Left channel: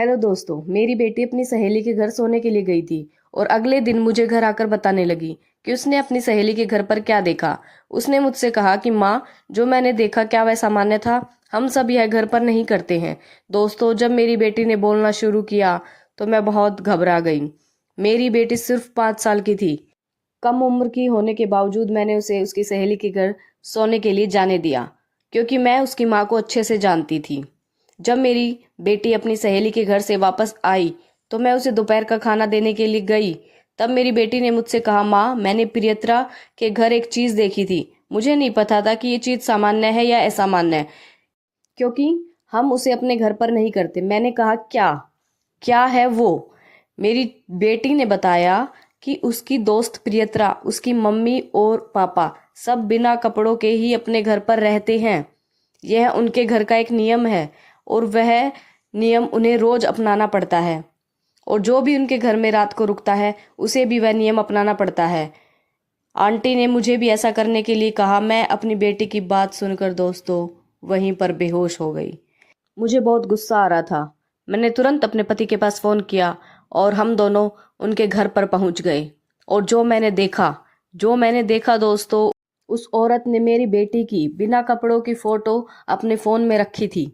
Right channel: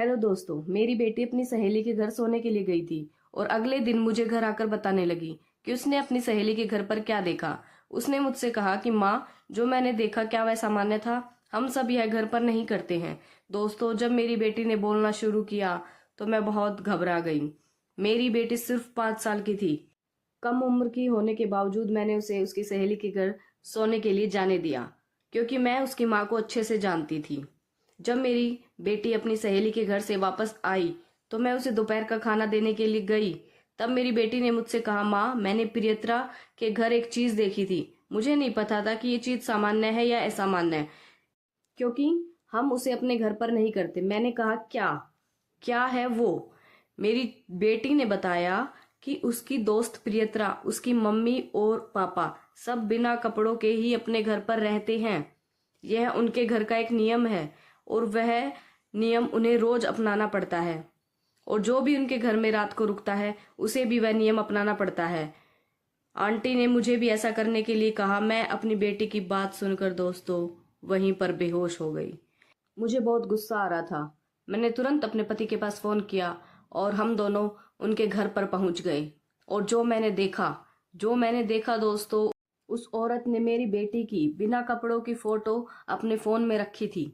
Hello दोस्तों, मेरी बेटी अपनी सहेली के घर सोने के लिए गई थी और अगले दिन मुझे घर आकर बताने लगी कि उसने अपनी सहेली के घर पर क्या देखा। उसने मुझसे कहा कि माँ, जो मैंने देखा क्या वह सामान्य था? हम सब यह घर पर नहीं करते हैं। दोस्तों, जब मेरी बेटी ने बोलना शुरू किया तो मैं बहुत घबरा गई। मेरी बेटी सिर्फ 5 साल की थी। कम उम्र की होने के बावजूद मैंने उसे उसकी सहेली के घर सोने के लिए जाने दिया, क्योंकि मैं उसकी माँ को अच्छे से जानती थी। जब मेरी बेटी अपनी सहेली के घर से वापस आई तो मैं उसे दोपहर का खाना देने के लिए गई। तब मेरी बेटी ने मुझसे कहा, माँ, मैंने प्रियत्रा के घर एक चीज देखी थी। मुझे नहीं पता था कि ये चीज सामान्य है या असामान्य है, क्योंकि हम उसे अपने घर पर नहीं करते। मैंने कहा, क्या क्या है वो? मेरी बेटी ने बताया कि उसकी दोस्त प्रियत्रा, उसकी मम्मी और पापा सब बिना कपड़ों के ही अपने घर पर रहते हैं। यह उनके घर का एक नियम है और वह नियम उन्हें रोज अपनाना पड़ता है, और जो भी उनके घर में रात को रुकता है उसे भी वह नियम अपनाना पड़ता है। आंटी ने मुझे भी ऐसा करने के लिए कहा। मैं अपनी बेटी की बात सुनकर दोस्तों वहीं पर बेहोश हो गई। मुझे बहुत गुस्सा आ रहा था। मैंने तुरंत अपने पति के पास फोन किया और हम दोनों उनके घर पर पहुंच गए। और जो मैंने देखा दोस्तों, उस औरत ने मेरी बेटी की बिना कपड़ों की फोटो अपने फोन में रखी थी।